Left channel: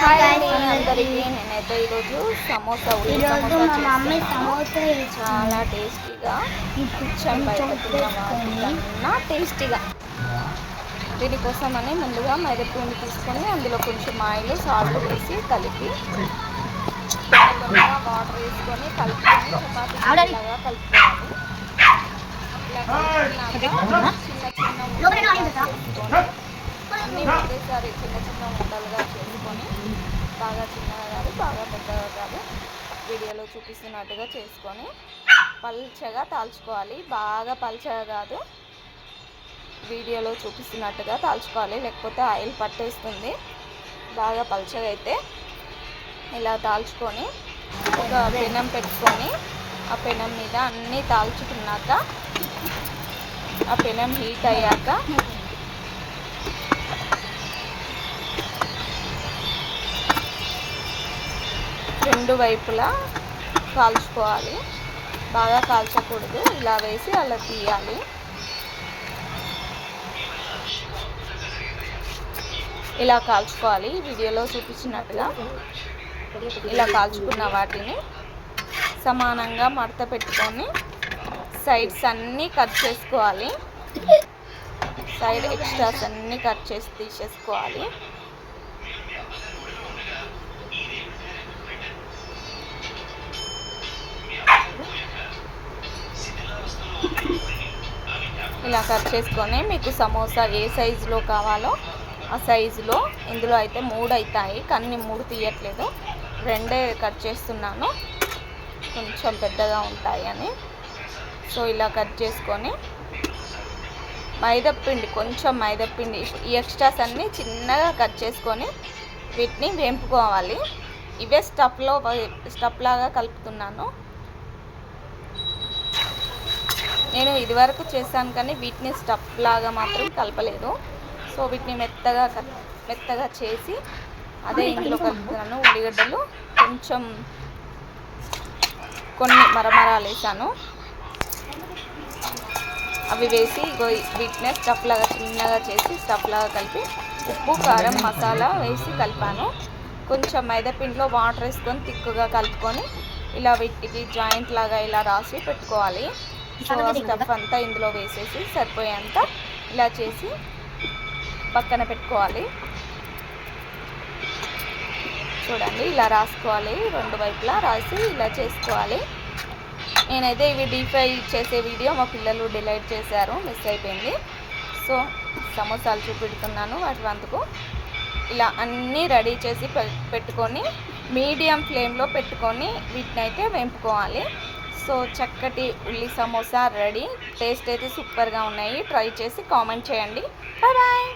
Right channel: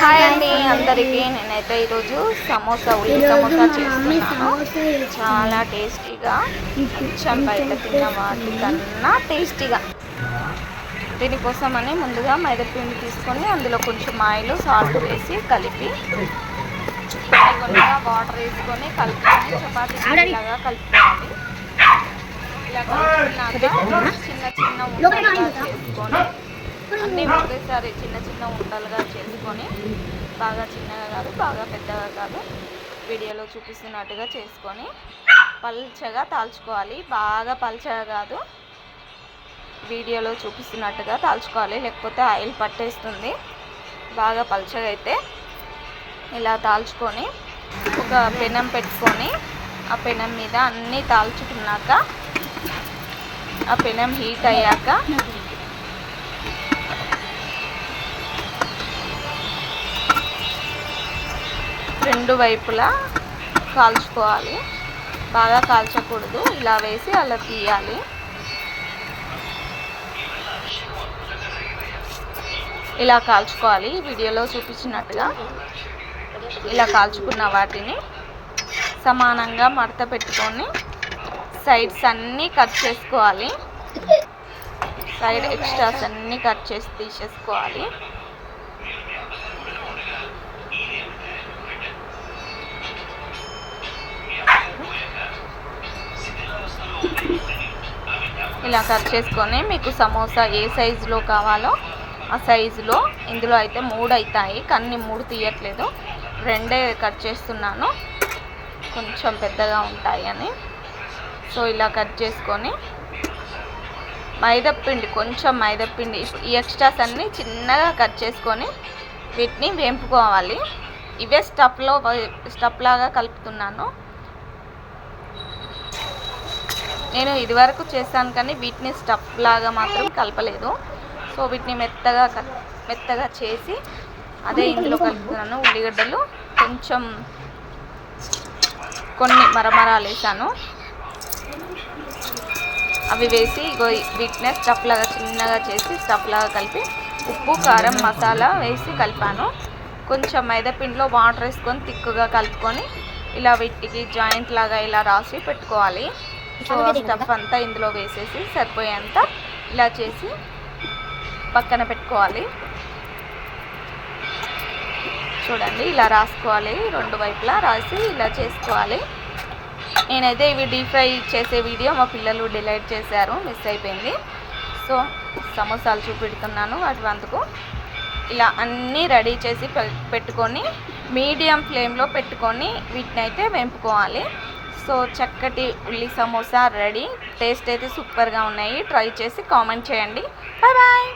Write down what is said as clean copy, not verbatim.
Hi అండి అందరికీ. నేనైతే ఈరోజు సమోసా ఉల్లి సమోసా చేస్తున్నాను. చాలా టేస్టీగా, అచ్చం బయట తిన్న వాటికన్నా టేస్టీగా. దీనికోసమని ముందుగా మైదాపిండి తీసుకొని అందులో కొంచెం ఆయిల్ సాల్ట్ వేసి కలిపి కొద్దిగా వాటర్ వేసుకొని కలుపుకొని చపాతీ లాగా కలుపుకోవాలి. ఇలా కలుపుకున్నాక చిన్న చిన్న ఉండలుగా చేసుకొని అన్నీ ఒకేసారి చిన్న చిన్న ఉండలుగా చేసుకొని బాగా చిన్నగా కాదు బాగా పెద్దగా కాదు వీడియోలో చూపిస్తున్నట్టుగా చేసుకొని పల్చగా తాల్చుకోవాలి. బాగా పల్చగా కాదు, వీడియోలో చూపిస్తున్నట్టుగా తాల్చుకోవాలి, లేకపోతే ఆయిల్ పట్టేస్తుంది. బాగా పల్చగా అయితే ఇలా తాల్చుకొని ఒక పెనం పెట్టుకొని ఆ పెనం మీద అన్నీ తాల్చుకున్నాక ఆ పెనం హీట్ అయ్యాక రెండు వైపులా కాల్చుకోవాలి. బాగా కాల్చకూడదు, ఇలా వేసి అలా తీయాలి. ఇలా కాల్చుకోవాలి వీడియోలో చూపించినట్టుగా. ఇలా కాల్చుకున్న వాటిని సమానంగా మడత పెట్టుకొని సైడ్స్ అన్నీ కట్ చేసుకోవాలి. సైడ్ ఎక్స్ట్రాస్ అన్నీ కట్ చేసి తీసేసుకోవాలి. ఇలా కట్ చేసుకొని మీకు సమోసా ఏ సైజులో కావాలో ఆ సైజులో, ఇందులో అయితే 3 అవుతాయి కానీ 3 తీయట్లేదు, 2 కట్ చేస్తున్నాను కొంచెం పెద్దగా ఉంటాయి అని. సో ఇలా కట్ చేసుకొని మైదాపిండి, కొంచెం మైదాపిండి, ఈ ఎక్స్ట్రాస్ అన్నీ చిన్నగా కట్ చేసుకొని వీటిని వేంపుకోవాలి. ఇవే స్టఫ్ లాగా కలుపుతున్నాను. నేను ఇదివరకు చేశాను కానీ వీటిని స్టఫ్ లాగా మాత్రం కలపలేదు. సో వీటిని మెత్తగా చేసి అదే ఇందులో కలుపుతున్నాను. ఉల్లిగడ్డలు కొంచెం కొన్ని మరమరాలు వేసాను, అవి వేసి వీటిని స్టఫ్ లాగా చిన్నగా చేసి స్టఫ్ లాగా కలిపి ఉప్పు కారం మసాలా వేసి కలిపాను. కొంచెం మైదాపిండిలో వాటర్ వేసుకొని తిక్కుగా కలుపుకొని ఇలా వీటికి జాయింట్ లాగా ఇలా రాసి పెట్టుకోవాలి. సో ఆ స్టఫ్ అంతా ఇందులో వేసేసి సరిపోయేంత ఇలా చేసి పక్కన పెట్టుకోవాలి. చూడండి ఇలా రాసుకోవాలి, 2 వైపులా రాసి ఇలా చేసుకోవాలి. నేనైతే ఇవి డీప్ ఫ్రై చేసే వీడియో మా పిల్లలు డిలీట్ చేశారు, మిస్ అయిపోయింది. సో సమోసాలు చూపెడుతున్నాను వాటి వంతుకు. ఇలా అన్నీ రెడీ చేసి పెట్టుకొని మీడియం ఫ్లేమ్లో పెట్టుకొని వీటిని అయితే వేంపుకోవాలి. సో చక్కటి ఉల్లి సమోసా రెడీ. టేస్ట్ అయితే సూపర్గా ఉన్నాయి. ట్రై చేసి కామెంట్ చేయండి. Bye bye.